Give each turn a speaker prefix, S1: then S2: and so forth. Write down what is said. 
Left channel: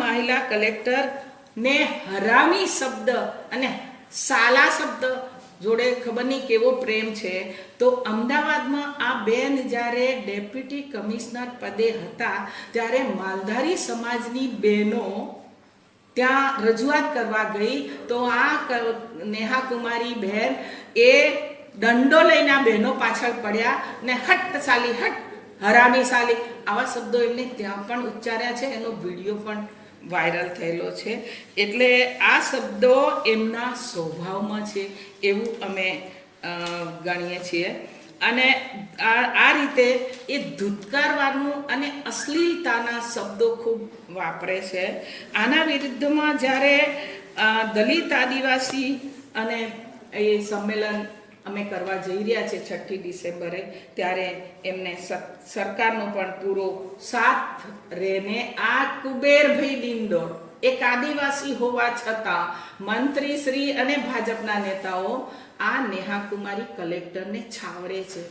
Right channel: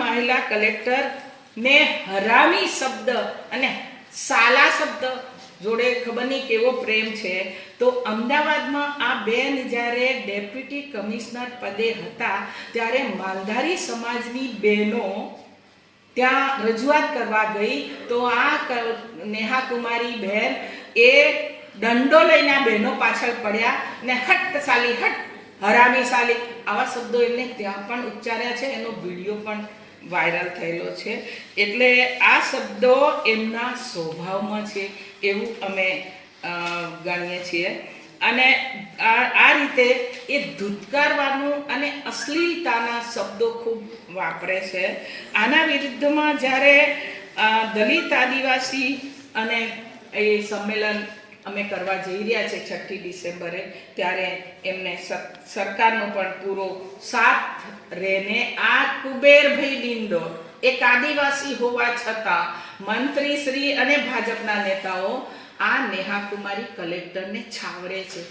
S1: મહિલા કલેક્ટર ને હરામી શબ્દ અને સાલા શબ્દ જોડે ખબર નહીં કેવો પ્રેમ છે. તો અમદાવાદમાં આ બેન જ્યારે ડેપ્યુટી કમિશનર પદે હતા, ત્યારે માલધારી સમાજની બહેનો ત્યાં રજૂઆત કરવા ગઈ. તો આ નેહા કુમારી બહેન એ દંડો લઈને બહેનો પાછળ પડ્યા ને હટ સાલી હટ હરામી સાલી આવા શબ્દો એમને ત્યાં પણ ઉચ્ચાર્યા છે. એનો વીડિયો પણ વાયરલ થયેલો છે. એટલે આ શબ્દો એમના સ્વભાવમાં છે એવું અમે ગણીએ છીએ. અને આ રીતે એ ધૂતકારવાનું અને અશ્લીલતાના શબ્દો ખૂબ વાપરે છે. આના વિરુદ્ધમાં જ્યારે દલિત આદિવાસી અને એ સંમેલન અમે કરવા જઈ રહ્યા છે છઠ્ઠી ડિસેમ્બરે, ત્યારે એમને સરકારનો પણ પૂરો સાથ રહેને આ કુબેરભાઈ ડિંડો. એક આદિવાસી હોવા છતાં મંત્રી શ્રી અને ભાજપના નેતાઓ આ નેહા કુમારી કલેક્ટરને છાવરે છે.